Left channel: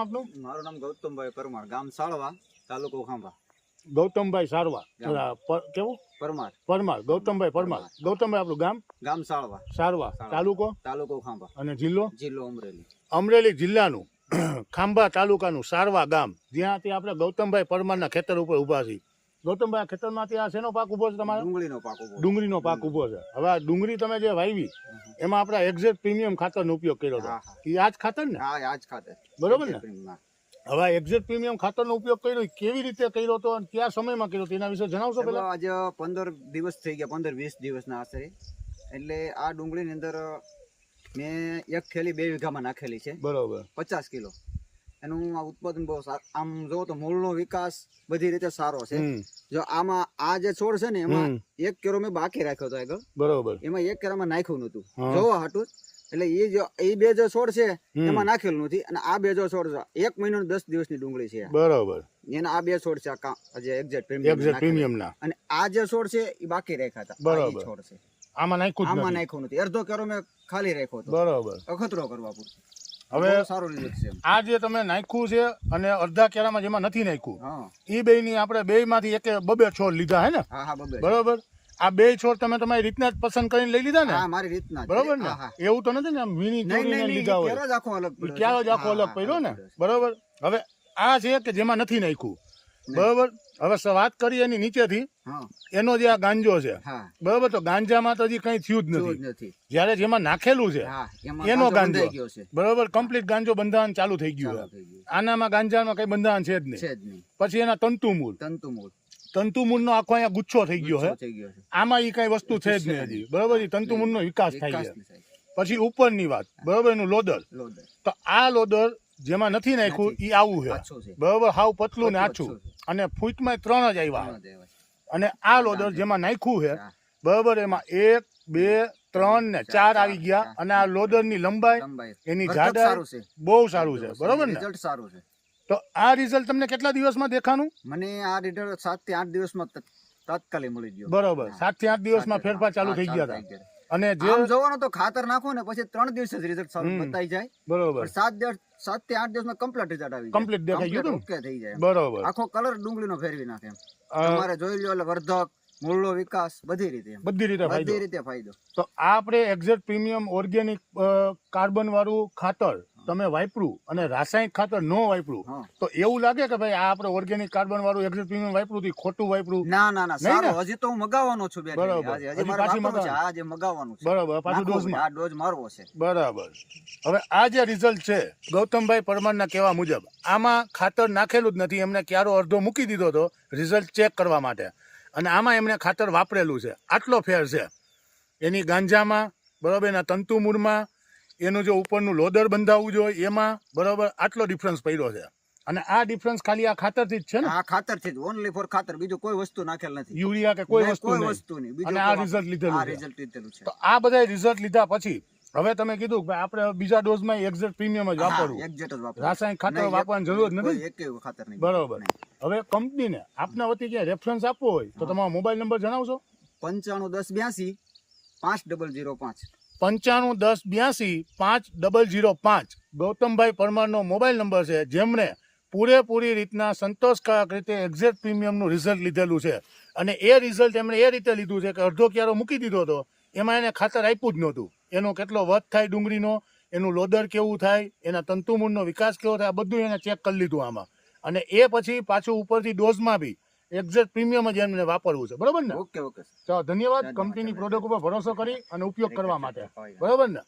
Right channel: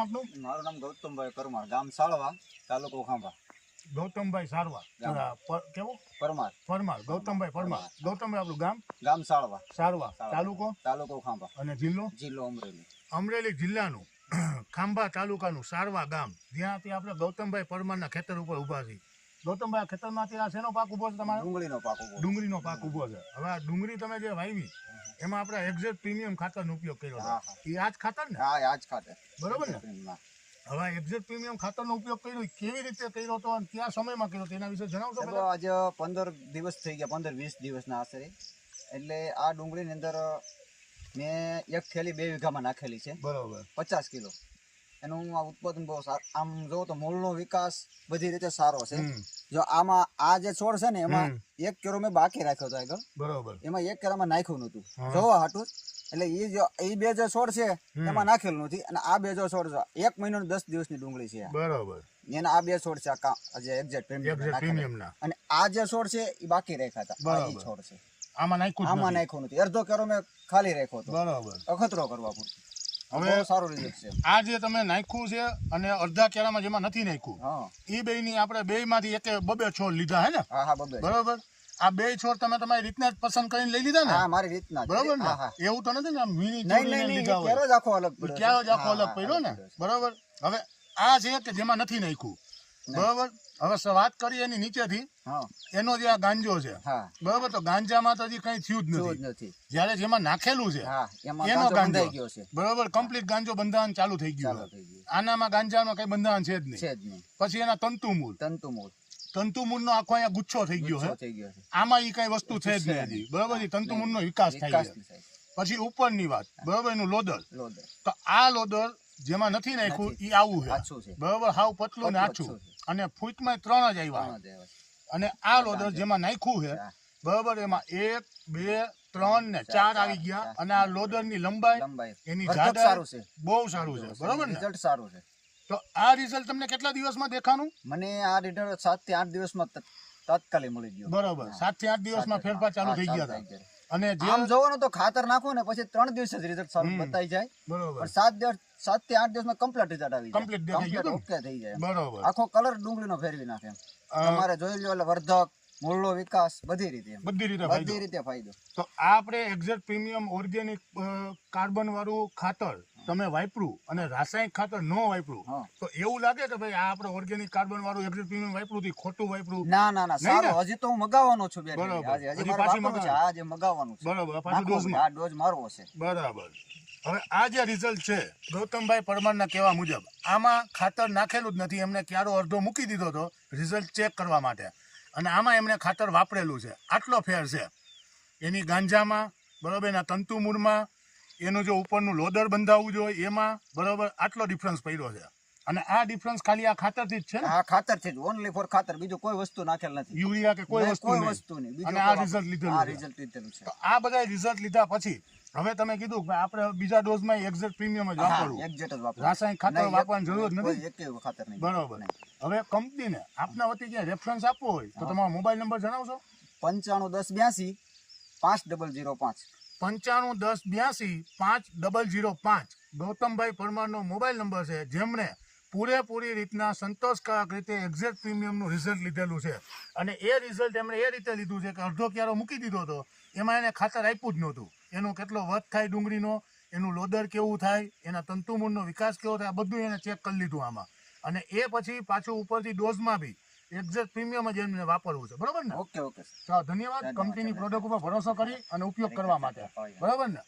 નામ આપનું? મારું નામ ગૌતમભાઈ પરમાર, ગામ સાળવા, તાલુકો ખાંભા. ગૌતમભાઈ સારવા, કેવું? પરમાર. પરમાર, ગૌતમભાઈ પરમાર. ગૌતમભાઈ આપણું ગામ? ગામ સાળવા, સારવા, તાલુકો? તાલુકો ખાંભા. અને જિલ્લો? જિલ્લો અમરેલી. અમરેલી જિલ્લાનું ખાંભા તાલુકાનું સારવા ગામ, જ્યાંથી આપણે ગૌતમભાઈ પરમારના ખેતર ઉપર ઊભા છીએ. ગૌતમભાઈ, આ ખેતરમાંથી આ શેનો પાક ઉભો છે તમારો? ડુંગળીનો પાક ઉભો. ડુંગળીનો પાક ઉભો છે. હવે આ ડુંગળી તમે જે વાવી એમાં આપણે એક્ઝેક્ટ પ્રીમિયમ ખાતરનો ઉપયોગ કર્યો છે. એ આ જ ખાતર ને? હા, આ જ ખાતર. બરોબર ને? હવે એક્ઝેક્ટ પ્રીમિયમ ખાતરનો ઉપયોગ કર્યો કેવી રીતે કર્યો હતો અને કયા સમયમાં કર્યો તેના વિશે જણાવશો? આજે 15 દિવસ થઈ ગયા, 15-20 દિવસના આશરે. એટલે આ ડુંગળીની અંદર મેં એક થેલી 2 વીઘામાં નાખેલી છે. બરોબર. 50 કિલો. એનું આ ઉત્પાદન બહુ સારું. આમ જો તો મૂળનો વિકાસ બધી રીતે સારો છે. જો આમાં આ જે છોડ છે ને એમાં 1 કેરો મેં બાકી રાખ્યો હતો આગળ. બરોબર. એમાં 1 કેરામાં નાખ્યું નતું જોવા હાટું. એટલે એ બે જો છોડ છે એમાં નાખેલું નથી. અને આ બે જો છોડ છે 1 મહિનો 10 દિવસની ડુંગળી છે. બરોબર. એના આ બે છોડ છે આજે એક્ઝેક્ટ પ્રીમિયમના. અને આ જે છોડ છે એ બાકી રાખ્યા હતા. બરોબર. છોડ છે આમાં નાખ્યું નથી. અડધો કેરો મેં ખાલી રાખ્યો હતો. બરોબર. અખતરો કરવા પૂરતું. હવે સારું રિઝલ્ટ છે. આ જે તમે નાખ્યું છે અને અડધા કેરામાં જેમાં નથી નાખ્યું, એ બે ની આપણે બે માંથી એક 2 છોડ લીધા હે ને? હા, 2. બરોબર. આ 2 છોડ તમે તમારી રીતના જ પસંદ કરીને લઈ લીધા ને? હા, મારી રીતના. બરોબર ને? એવું તો નથી ને આમ મીની ચોરીને લીધા હોય? ક્યારો જ આખો અલગ પડ્યો. ક્યારો જ આખો અલગ પડ્યો ને? બરોબર. હવે આ છે કે જેમાં નથી નાખ્યું. બરોબર. હવે વાત કરીએ એની નીચેથી, એનો જે આ ગાંજો છે, બરોબર, તો ગાંજામાં તો હજી કઈ થયું જ નથી. જયારે જેમાં નાખેલું છે એનો ગાંજો, બરોબર, કમ્પ્લીટ ગાંજો બંધારણ ચાલુ થઈ ગયું. આનામાં ગાંજામાં કઈ બંધારણ છે જ નહીં. પછી એના તંતુમૂળ નો આખો અહીંયા ગુચ્છો થઈ ગયો છે. આમાં એ કઈ વસ્તુ છે જ નહીં હજી. બરોબર. તંતુમૂળ નો વિકાસ થાય છે. પછી ઉપરની વાત, બરોબર, એનું લોદર. તો આ લોદર જેમાં નથી નાખ્યું એ આવું છે. બરોબર. હાવ પતલું ને આછું. અને ફૂટમાં 3 જ આવ્યા. અને આ લોદર જેમાં નાખ્યું છે, બરોબર, એમાં 1, 2, 3 ને 4 આવી ગયા. અને આ લોદર ની લંબાઈ, એની જાડાઈ બહુ સારું છે. બરોબર ને? રિઝલ્ટ સારું છે. તો આ રિઝલ્ટ તમને કેટલા દિવસમાં દેખાનું? મને આ રિઝલ્ટ 7 થી 8 દિવસમાં તાત્કાલિક મળી ગયો. બરોબર. 7 થી 8 દિવસમાં ફેરફાર ચાલુ થઈ ગયા હતા. અને જેમ જોવાનો તો ખાતર નાખો ને પછી 3 દિવસ જ રિઝલ્ટ સારું બતાઈ જાય. બરોબર. 7 થી 8 દિવસમાં કમ્પ્લીટ રિઝલ્ટ આવી જાય. કમ્પ્લીટ દેખાઈ ગયું. ઓકે થઈ જાય. બરોબર. આખો કલર ડુંગળીનો ફેરવી નાખે. તમારે જોઈ લો એટલે વર્ધક, મૂળનો વિકાસ બધી રીતે ફાયદો. તો આ આપણે એક્ઝેક્ટ પ્રીમિયમ ઓર્ગેનિક કાર્બન વાળું ખાતર તમે વાપરું અને રાસાયણિક ખાતર ન વાપરું તો એવું લાગે કે ભાઈ આ આપણે ઓર્ગેનિક કાર્બન વાળું એક્ઝેક્ટ પ્રીમિયમ વાપરું થી ખોટું વાપરું? ના, સારું. હજી તો હું મગાવવાનો છું. હજી મારે વાપરવું છે. આજે મગાવવાનું છે. બરાબર. પાછું ડોઝ મારવો છે. બરાબર. હવે આ જે રિઝલ્ટ છે ગૌતમભાઈ પરમારના કહેવા મુજબ, આમાં ખાતર નાખેલું જ નથી. એમને ક્યારો અડધો મૂકી દીધો હતો રિઝલ્ટ ચેક કરવા માટે, અને આમાં એમણે ખાતર વાપરેલું છે. આટલો ફેર છે એની ગાંજામાં, બરાબર, એના તંતુમૂળમાં, એનું જો ઉપરનું લોદર બંધાવવું જોઈએ એમાં, બરાબર, આટલો ડિફરન્સ પડ્યો છે. અને આ ડિફરન્સ ખાલી આ ખાતરથી જ છે ને? આ ખાતરથી જ, ઓનલી ફોર ખાતર. બીજું કોઈ વસ્તુ નાખેલ નથી. યુરિયા કે કોઈ વસ્તુ નહીં. અને આ રિઝલ્ટ લીધેલું છે. તો આ બધા રિઝલ્ટ લીધા પછી હવે તમે કીધું કે આપણે બીજા ડોઝમાં એક્ઝેક્ટ પ્રીમિયમ જ વાપરવું, રાસાયણિક ખાતર વાપરવાની જરૂર નથી. બરોબર. હવે કંપનીને આપના વતી ક્યાં રેફરન્સ આપવો હોય તો તમારો મોબાઈલ નંબર જણાવશો? 951082 5005. 951082 5005 ગૌતમભાઈ પરમારનો મોબાઈલ નંબર છે, જેમણે પૂરેપૂરી રીતના સંતોષકારક રીતે એક્ઝેક્ટ પ્રીમિયમનું રિઝલ્ટ લીધેલું છે. અને એ રિઝલ્ટ એમણે એ રીતે લીધું છે કે અડધો ક્યારો મૂકી દીધો હતો, એમાં એને ખાતર આપ્યું જ નહોતું. એનો કેટલો વધ થાય ડુંગળીનો, એનું લોદર કેવું થાય, એના તંતુમૂળનો વિકાસ કેવો થાય, બધું એને ચેક કરી લીધું આમાં. અને એ પછી પાછું ઉપરથી ડોઝમાં બી એક્ઝેક્ટ પ્રીમિયમ જ એમને વાપરવું છે. બરોબર ને? ઓકે. તો ધન્યવાદ કંપનીની પ્રોડક્ટ ઉપર ભરોસો કરી અને ઉપયોગ કરવા માટે. બરોબર ને?